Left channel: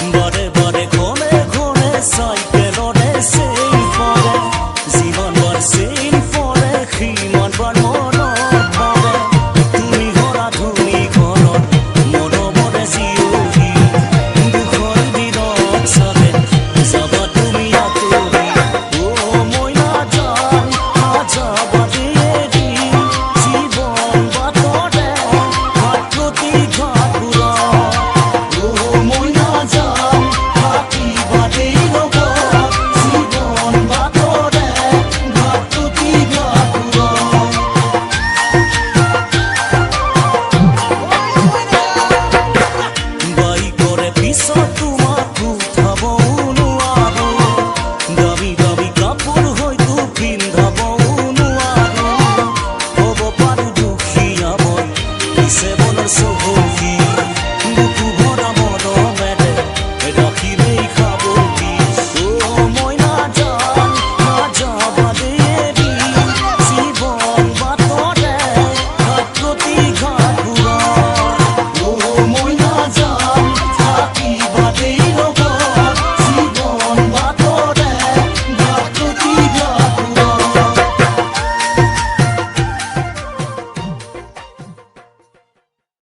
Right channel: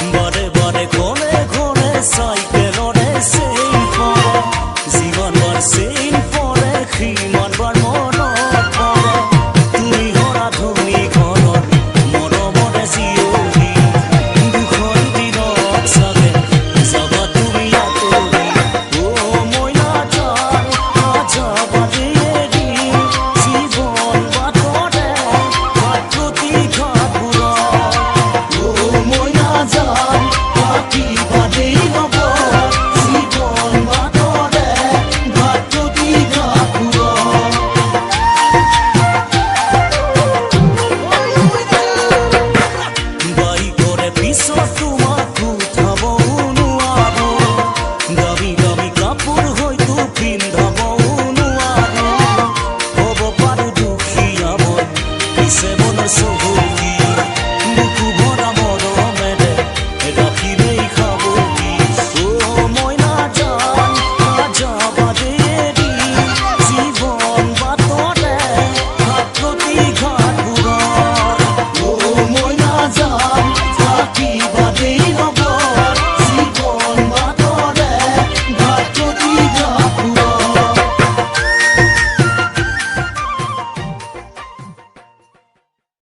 বাৰে বাৰে ঘনে ঘনে চাইকেলৰে চেইন পৰে যিমান বাৰ চেইন পৰে সিমান বাৰ মনত পৰে তুমি ঘৰা ধনী ঘৰত মৰমৰে জীয়ৰী দুখৰ দিনত চাগে যাবা তুমি আঁতৰি মই নাযাবা দেৰি জীৱন বাটৰে ঘাট প্ৰতি ঘাটবোৰত মই নাযাম পাতিবা দেই লগত জীৱন বাটৰে ঘাট প্ৰতি ঘাটবোৰত বাইকৰে পিছত তোমাক উঠাবও নোৱাৰো দামী দামী কাপোৰ হয়তো পিন্ধাবও নোৱাৰো হ'ব পাৰো দুখীয়া মই পিছে মনৰ চহকী বুকু ভৰা মৰমেৰে ৰাখিলেই সাৱটি মই নাযাবা দেৰি জীৱন বাটৰে ঘাট প্ৰতি ঘাটবোৰত